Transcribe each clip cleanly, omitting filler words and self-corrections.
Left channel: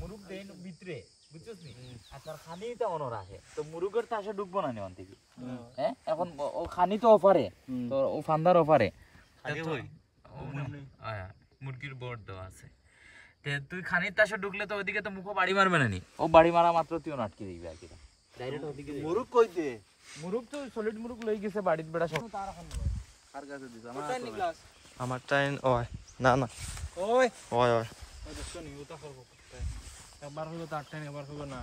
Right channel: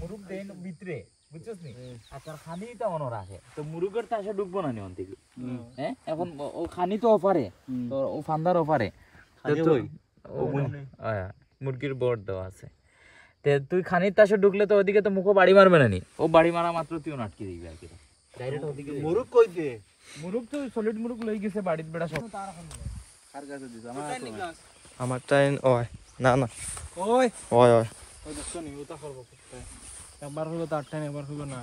মুরুগ দেন ভিতরে বুঝছস নি আর তার খানিটা অন রাখে তো মুরুগের তাসে ঢুকবো না নি অন্তে কি হ্যাঁ এখন ও খানি তো অফারে তো ও ফান্দার অফারে তুই মুরগির বড় দেওয়া আছে তে তুই খানির তাসে ঢুকলে তো ওদিকে তো মুখো বাড়ি মারবে না নি ও বাড়ি মারা মাত্র তুই আটকে দিবি আর কি ডাইরেক্ট ওদিকে মুরুগ কই দে মুরুগ তো সলিড মুরুগ লই গেছে বাড়িতে বেড়া সব কার কাছে দিছ আমার টাইম ওই না না ওই ওই ওই ওই দেখছ নি ওটা করব একবার হলো তো 8 টাইম একবার হলো না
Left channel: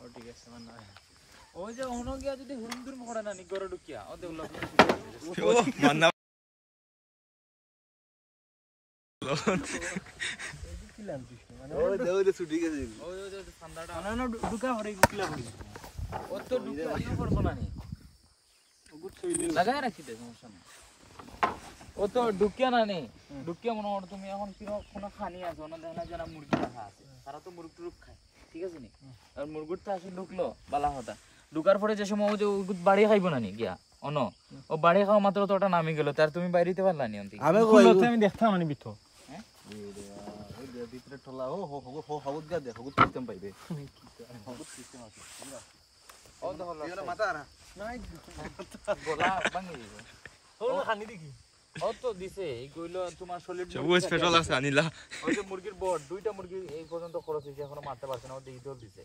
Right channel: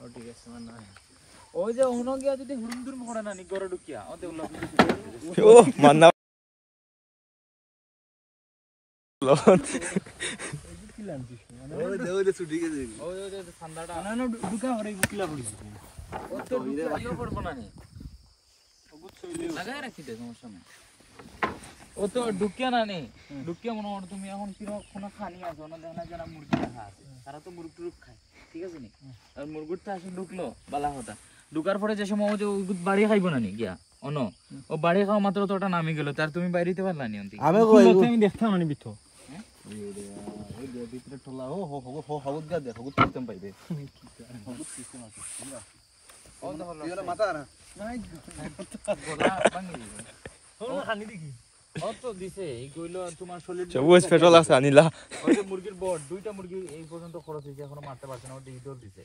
ও ঠিক আছে না ওই যে হুনো গিয়া যদি হুরুম দুরুম করে না নি করে ঢুকিয়া ওতে উল্লা ও মান্না ওই দেও দে ছুটি গে দিবি ওই যে ঠান্ডাটা না না ঢুকা হরে বুকলা হরে ও তো ঢুকিয়া ইও করব না নি লাগায় রাখি দে সমস্যা নেই ও তো ঢুকিয়া না নি ঢুকিয়া মনে হয় তুমি এখন কি কোনো খানি আছে না দেখনা যারা মুরগি রাখা আছে তারা তো মুরগি টুরুক খায় ঠিক আছে নি আর মুরগিটা আসে ঢুকলো বালা হতা ঢুকার পরে যে সময় ও যে বাড়ি খাইবো না নি গিয়া অন ও বাড়ি খাওয়া মাত্র তো ওটা নামি গেল তার তুমি বাইরেতে পারলা নি অন্তি আমি দেখতাম মানে বিতো ওই দে ভিতরে ঠলা ও হো হো হাউদ গা দেখো গুড সিস্টেম পাইবে হাউদ সিস্টেম আছে ও তো হলো এগুলো মাথা না নাই গোলা ভাঙি গেল তোর খানি দেখি ও তো দিছে এই কইলো তোমার সলিড চবুজ পেট্রোল আছে আনিলা ওই যে মুরগির বড় দুইটা মুরগি এই পর্যন্ত খরচ হইছে এখনো মারতে পারছে না ও ডিজিটাল দিছে